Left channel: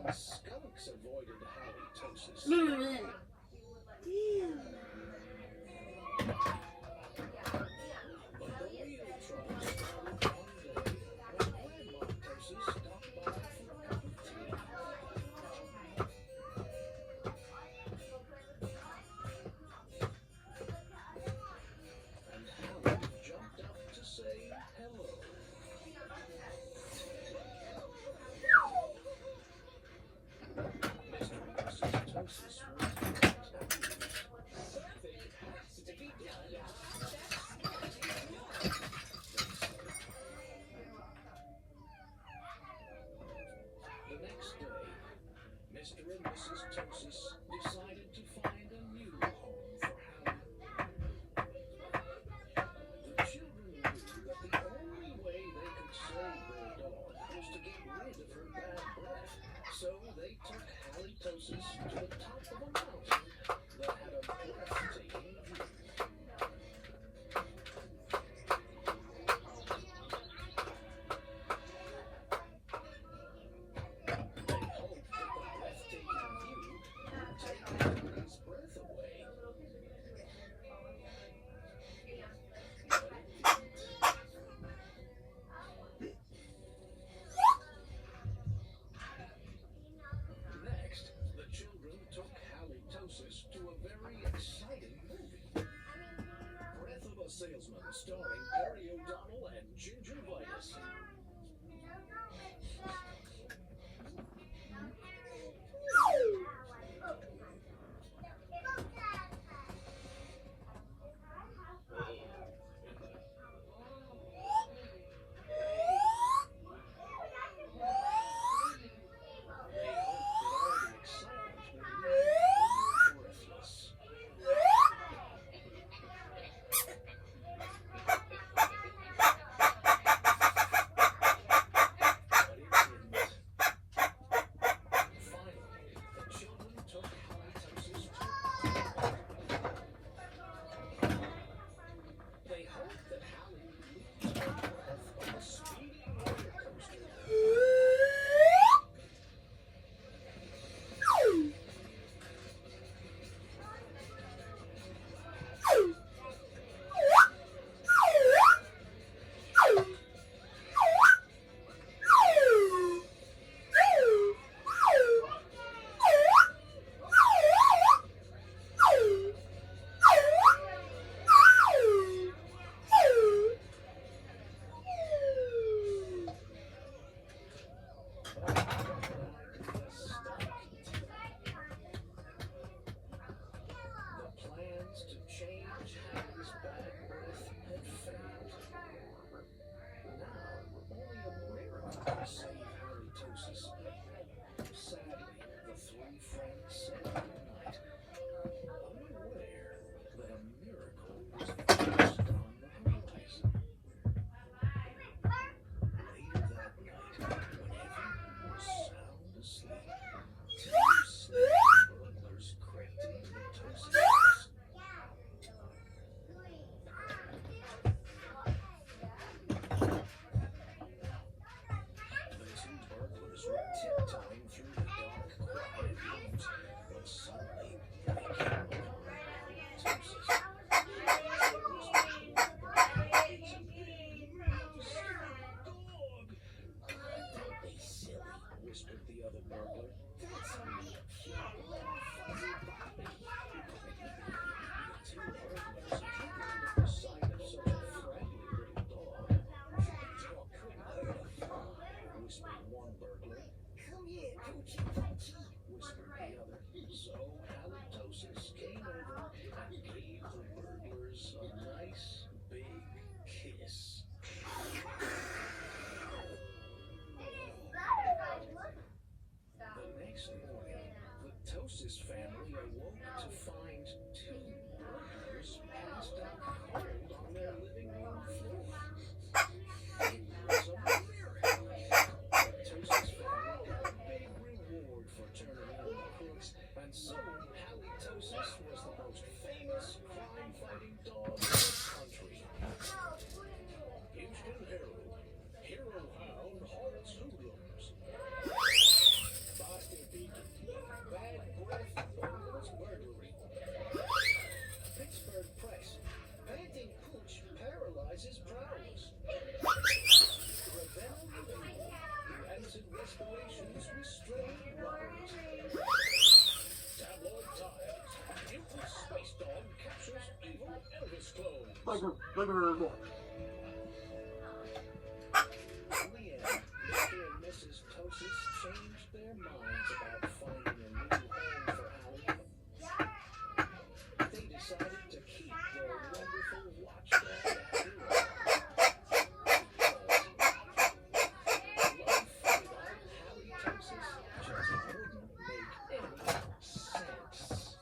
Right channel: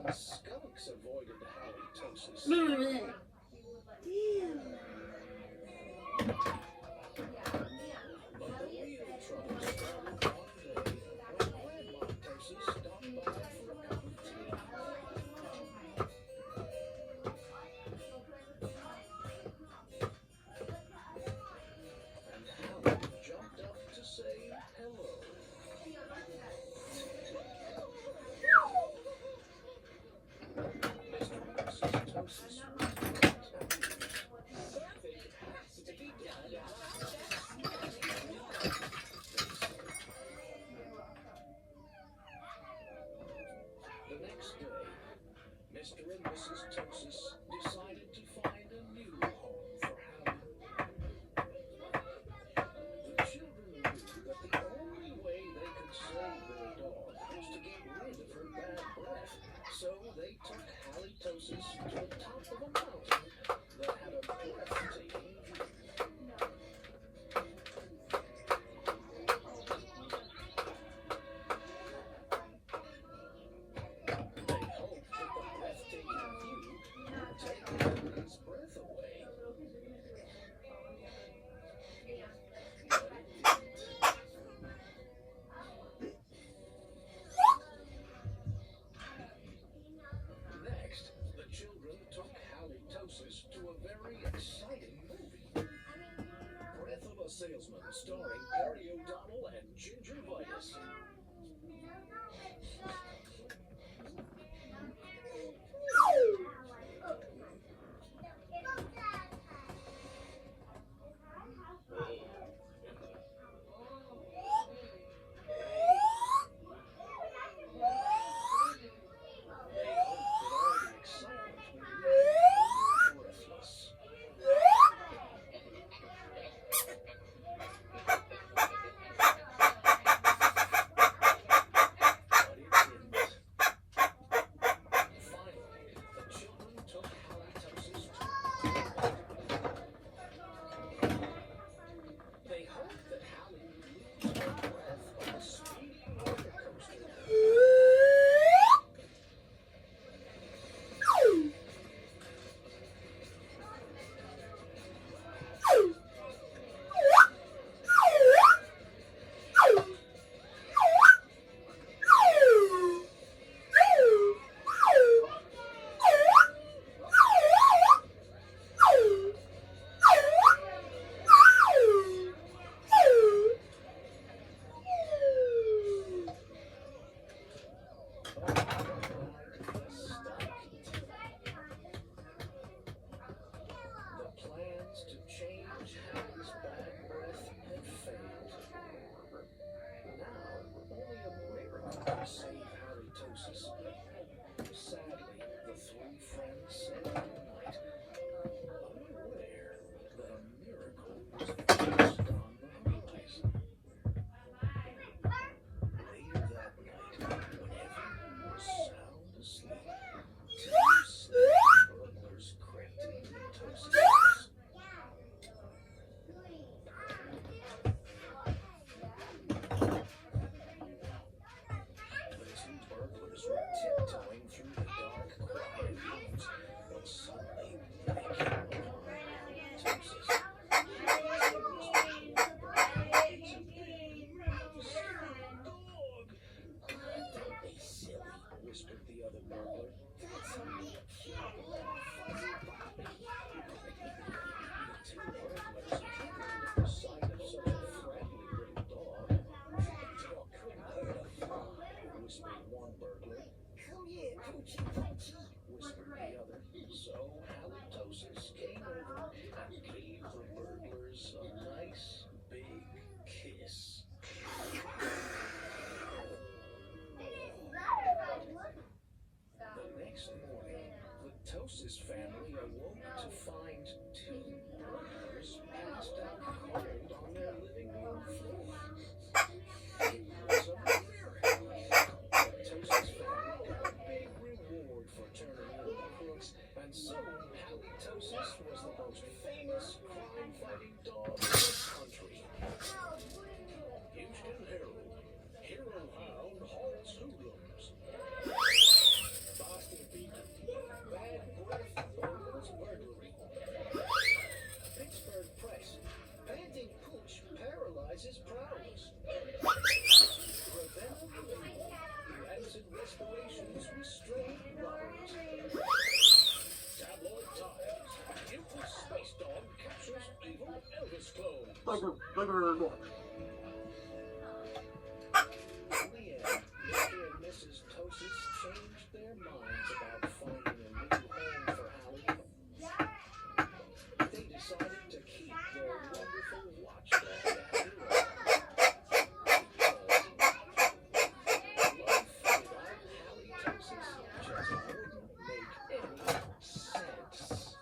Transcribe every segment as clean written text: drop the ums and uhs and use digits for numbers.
Even skunks avoided halitosis. Ew. But the real trouble started one day when Grandma Tosis stopped by for a cup of tea. And Howard jumped up to say hello. Mr. and Mrs. Tosis were Something has to be done. The next day, Mr. and Mrs. Tosis decided to find a new home for Hallie. The children knew that the only way they could save their dog was to get rid of her bad breath. So they took Halitosis to the top of a mountain that had a breathtaking view. They hoped that the breathtaking view would take Hallie's breath away. But it didn't. Next, the children took Halitosis to a very exciting movie. Breath of a Salesman, starring Perry O'Donnell and Gingivitis. They hoped that all the excitement would leave Hallie breathless. But it didn't. Finally, the children took Halitosis to. They hoped that Hallie would lose her breath on a speeding roller coaster. The plans to change Hallie's bad breath had failed. Now, only a miracle could save Halitosis. Sadly, the three friends said goodnight, unaware that a miracle was just on the horizon. Later that night, when everyone was sound asleep, two sleepy burglars crept into Tosis' house. The two burglars were tiptoeing through the dark, quiet rooms when suddenly they came upon Halitosis. Don't be silly, whispered the other burglar. That's only a cute little fuzzy puppy. The two burglars giggled at the sight of such a friendly little dog. Dog couldn't hurt a fly, whispered one burglar. Come here, Poochie Poochie, whispered the other. So Halitosis came over and gave the burglars a nice big kiss. The next morning, the Tosis family awoke to find two burglars passed out cold on their living room floor. It was a miracle. The Tosis family got a big reward Leanne, Mr. and Mrs. Tosis changed their minds about finding a new home for Allie. They decided to keep their wonderful watchdog Abby around. Life without halitosis just wouldn't make any sense.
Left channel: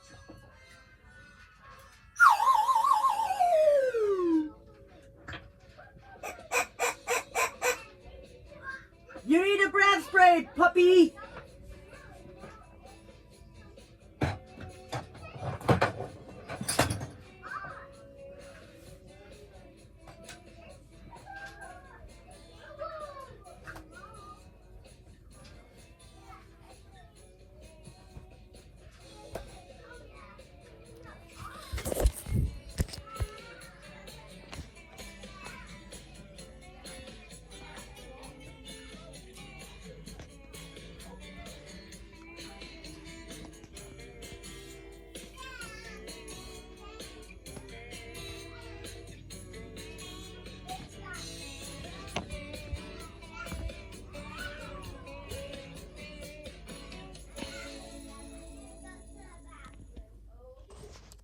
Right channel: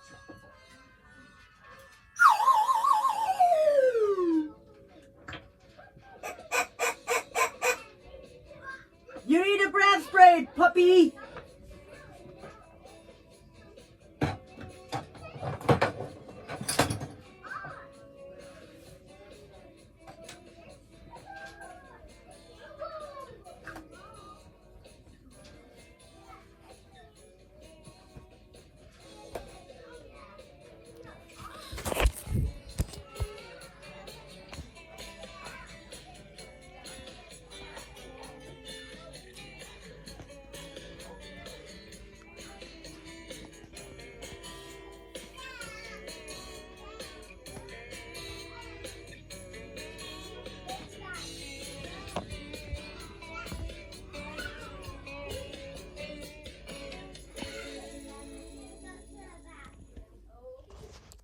You need a breath spray, puppy.